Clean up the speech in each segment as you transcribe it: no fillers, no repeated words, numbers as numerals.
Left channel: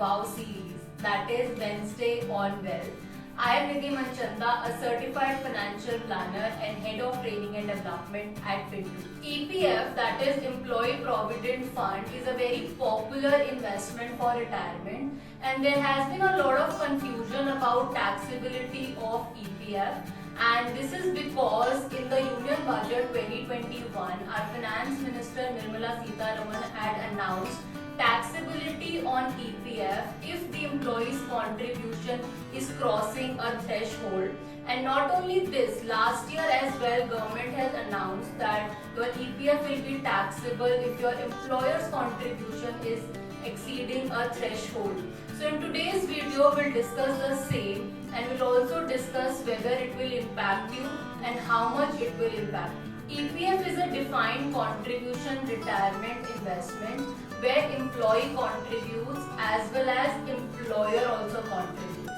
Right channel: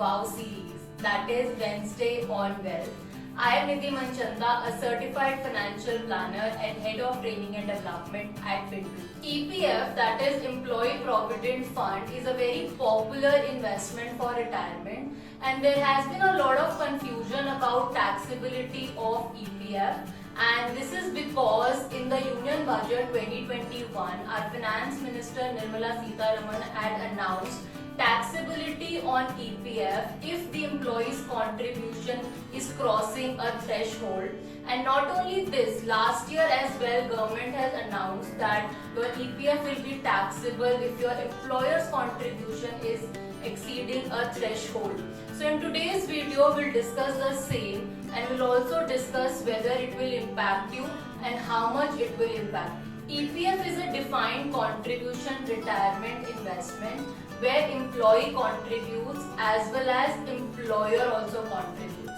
WOW series, that is Wednesday on Wealth. I am Nidhi Manchanda, a certified financial planner and head of training and development at FinTech. EPF, that is Employee Provident Fund, is a very popular investment for retirement, and there has been a lot of confusion about taxability of EPF. And this is because in the Union Budget 2021, our Finance Minister Nirmala Sitharaman had announced taxability on EPF if the employee's contribution is crossing a threshold. And not only this, last year as well, government has announced that your EPF will be taxable if your employer's contribution is exceeding a threshold. So in today's video, we'll discuss the same, and we'll also discuss whether it will impact you and how much it will impact. EPF is a defined contribution retirement investment where employee contributes as well as employer also contributes.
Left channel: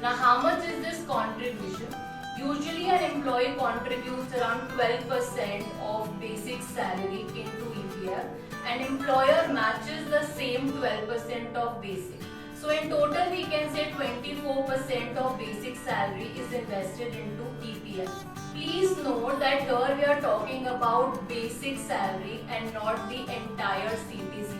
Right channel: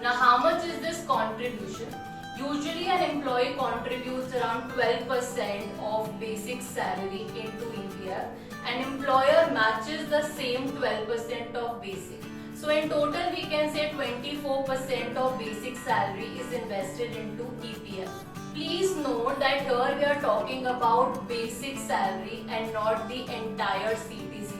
Now, how much is this contribution? Usually an employee contributes around 12% of basic salary into EPF, and employer matches the same 12% of basic. So in total we can say 24% of basic salary is invested into EPF. Please note that here we are talking about basic salary and not the entire CTC.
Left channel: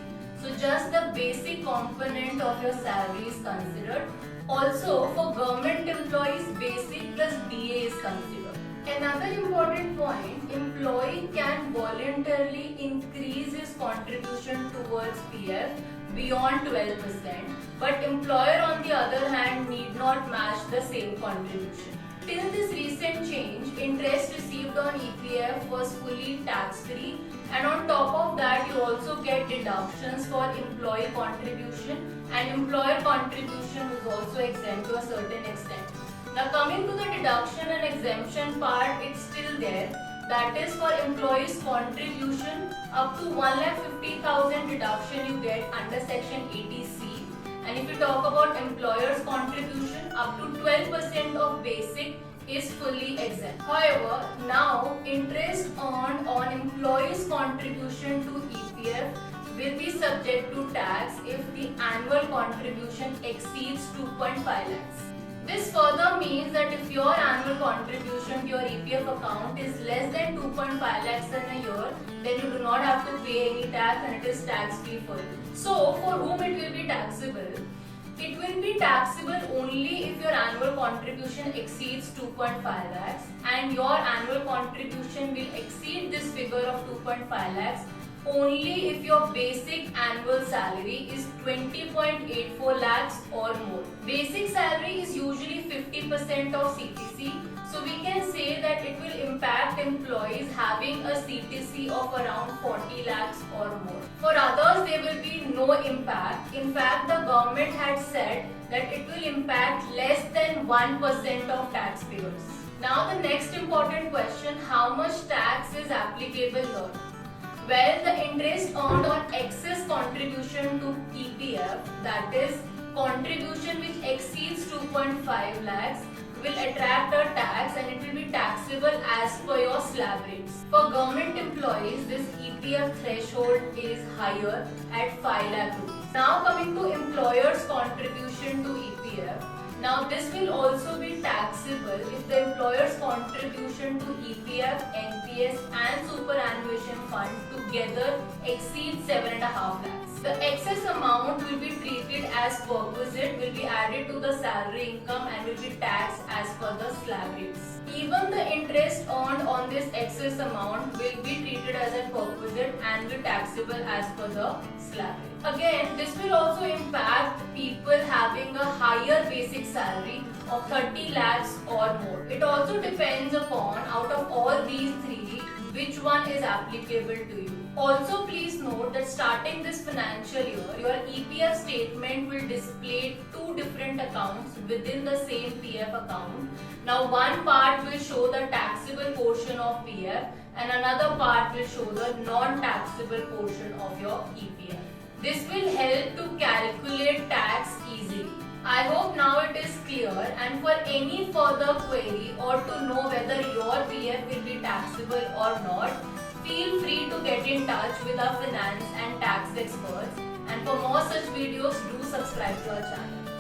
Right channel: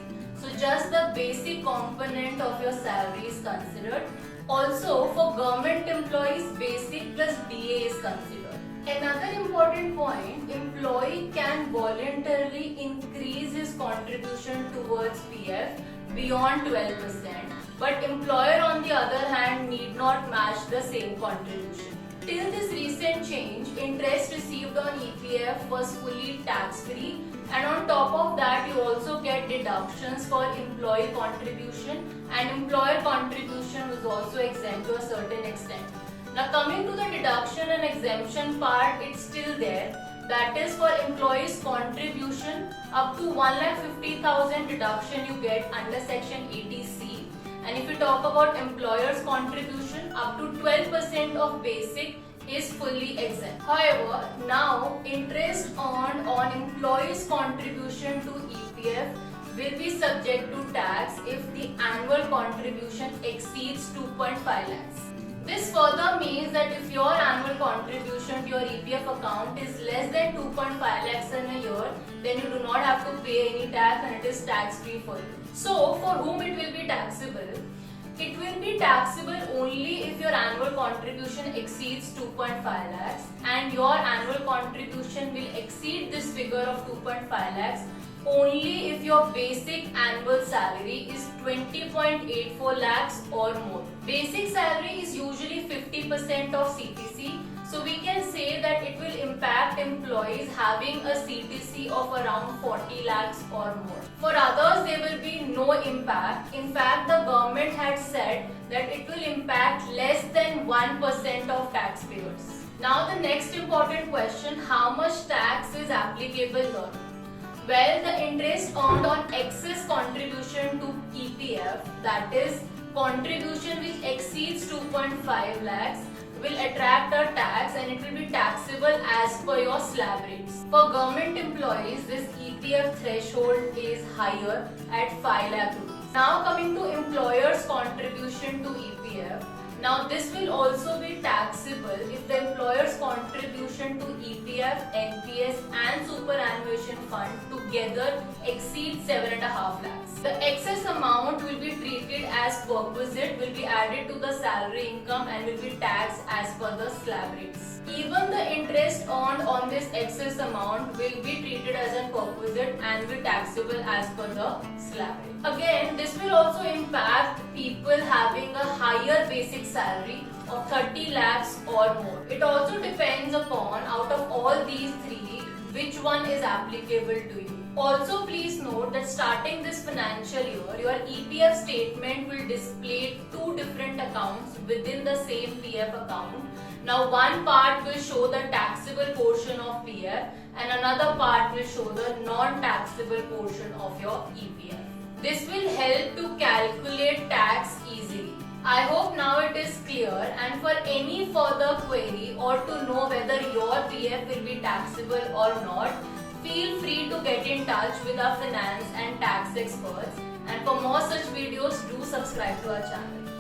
So just the basic component of your salary is considered. Also for government employees, basic plus DA is considered. Another important point, employee can voluntarily increase his contribution towards PF beyond 12%, but employer on the other hand need not match the same contribution. Till this recent change, interest received on EPF was fully tax-free, and on top of that you also get deductions for employee contribution, and employer contribution is also exempt to a certain extent. Now coming to the deduction and exemption part, it's still there. That is for employees contribution up to 1,50,000 deduction you get under section 80C. And if you talk about employer's contribution, up to 12% of basic is fully exempt. However, now interest earned on employees' contribution to EPF will be subject to tax if the annual contribution exceeds 2.5 lakhs. This further means that if your annual contribution to your EPF account is less than 2.5 lakhs in a year, then you do not have to pay any tax and it is tax free for you. So, for whom it will be taxable? It will be taxable only if your annual contribution exceeds 2.5 lakhs and your annual contribution will exceed this figure of 2.5 lakhs only if your basic annual salary is 20.84 lakhs or more. Basic salary is usually 50% of CTC, so we can say that it will impact employees having a CTC of around 40 lakhs or more. For others, there will be no impact. In fact, the government had said that it will impact less than 1% of taxpayers. Now the next important question, how much tax is applicable here? Well, the interest earned on excess contribution to EPF, that is contribution which exceeds 2.5 lakhs, will attract a tax and it will be taxable as per your slab rates. For government employees, this EPF threshold is higher at 5 lakh rupees. Now coming to employer's contribution to EPF. Now this will also be taxable if the employer's contribution to EPF, NPS and superannuation fund together exceeds 7.5 lakhs. The excess amount will be treated as perquisite, will be added to the salary income and will be taxed as per the slab rates. Even the interest earned on this excess amount will be treated as a perquisite and be taxable as per the slab rate. Again, this will also impact people having a higher basic salary of 30 lakhs or more. It also depends upon, out of all these three, which one is applicable to you. Also, please note that starting this financial year, your EPF statement will display two different accounts within the same PF account. Now, one part will show the taxable portion of PF and another part will show the non-taxable portion of your EPF. This will help to calculate tax easily. I hope now it is clear, and for any further query or to know whether your PF will be taxable or not, Feel free to get in touch with our finance and tax experts. And for more such videos, do subscribe to our channel.